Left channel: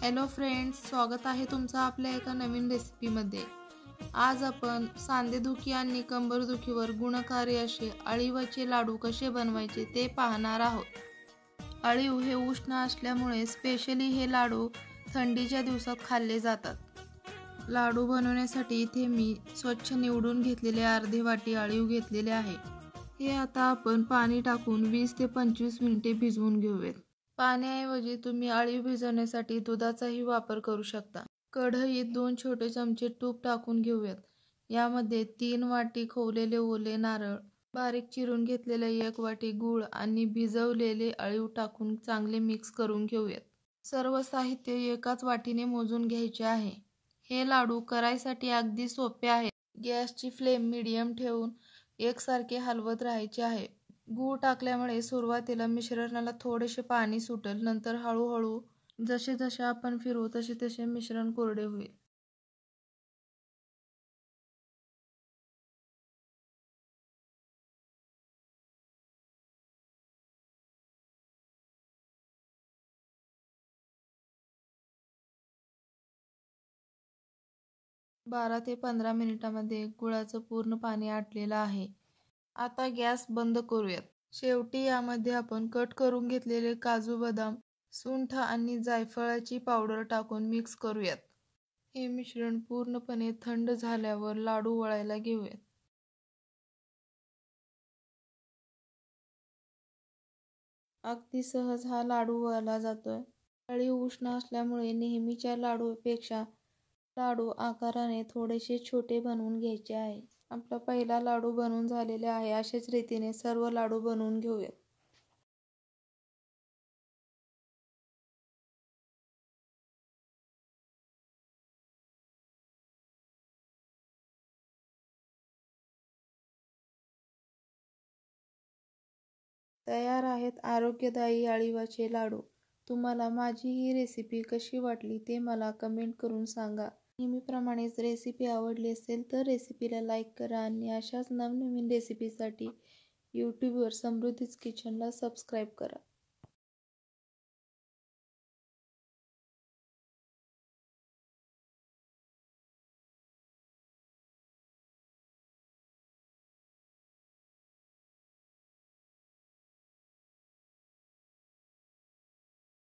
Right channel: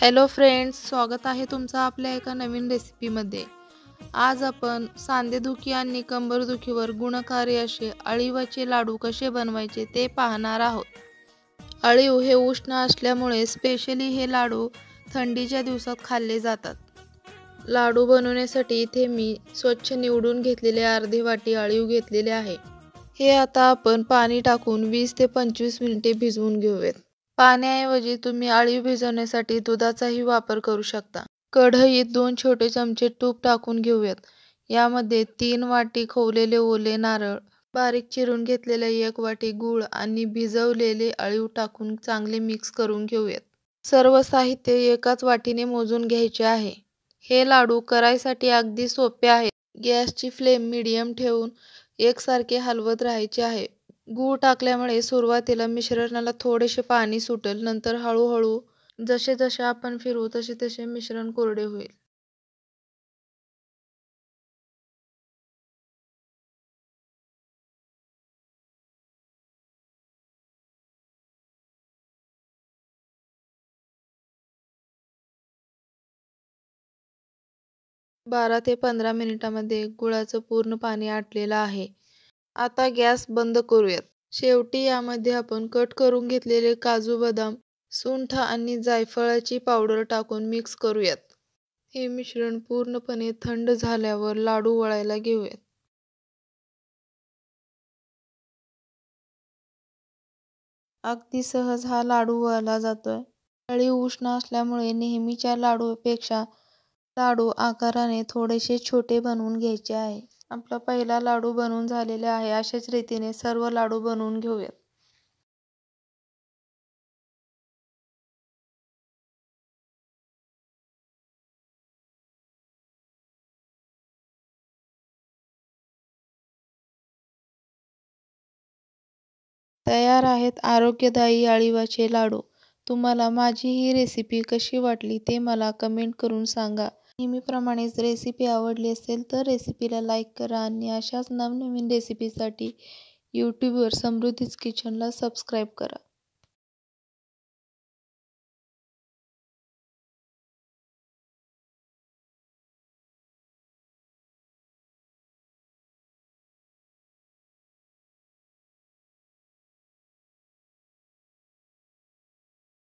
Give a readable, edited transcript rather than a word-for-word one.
Hello friends, स्वागत आहे तुमचं आपल्या एका नवीन रेसिपीमध्ये। आज आपण सांधेदुखी आणि कंबरदुखीवर गुणकारी असे अळीवाचे लाडू कसे बनवायचे ते पाहणार आहोत। अळीव हे उष्ण असल्यामुळे स्पेशली हे लाडू थंडीच्या दिवसात खाल्ले जातात। लाडू बनवण्यासाठी इथे मी स्वच्छ निवडून घेतलेले अर्धी वाटी अळीव घेतलेले आहे। हे आता आपण पाणी टाकून 20 ते 25 मिनिटे भिजवून घेऊयात। पाण्याऐवजी तुम्ही अळीव भिजवण्यासाठी दुधाचाही वापर करू शकता। कढईत 2 छोटे चमचे तूप टाकून घेऊयात। यामध्ये 3 वाटी खोवलेले ओले नारळ, बारीक चिरून घेतलेले 1 वाटी गूळ आणि भिजवलेले अळीव टाकून चांगले मिक्स करून घेऊयात। सर्व साहित्य एकाच वाटीने मोजून घ्यायचे आहे। हे लाडू करायसाठी अगदी सोपे आहेत। गॅसची फ्लेम मीडियम ठेवून एकसारखे हलवत राहायचे आहे। गूळ टाकल्यामुळे सुरुवातीला मिश्रणाला थोडेसे पाणी सुटेल, नंतर हळूहळू जसे जसे आपण फिरवू तसे तसे मिश्रण कोरडे होईल। बारा ते 15 मिनिटांमध्ये गुळाचं पूर्ण पाणी आटलेलं आहे। आता गॅस बंद करूयात। शेवटी यामध्ये आपण कट करून घेतलेले काजू, बदाम, सुंठ आणि जायफळाची पावडर टाकून मिक्स करूयात। हे मिश्रण पूर्णपणे थंड झाल्यावर लाडू वळायला घेऊयात। अगदी सहज हा लाडू वळला जातोय। अळीव उष्ण असल्यामुळे नेहमीच्या लाडूपेक्षा लाडू आकाराने थोडेसे छोटे बनवून घ्यायचे आहे। आपला पहिला लाडू बनवून झालेला आहे। अशाच रीतीने सर्व लाडू बनवून घेऊयात। तयार आहेत आरोग्यदायी अळीवाचे लाडू। तुम्हाला माझी ही रेसिपी कशी वाटली ते मला कमेंट करून सांगा। नेहमीप्रमाणेच रेसिपी आवडली असेल तर रेसिपीला लाईक करा आणि अशाच नवनवीन रेसिपीसाठी यूट्यूबवर समृद्धीज किचनला सबस्क्राईब करा।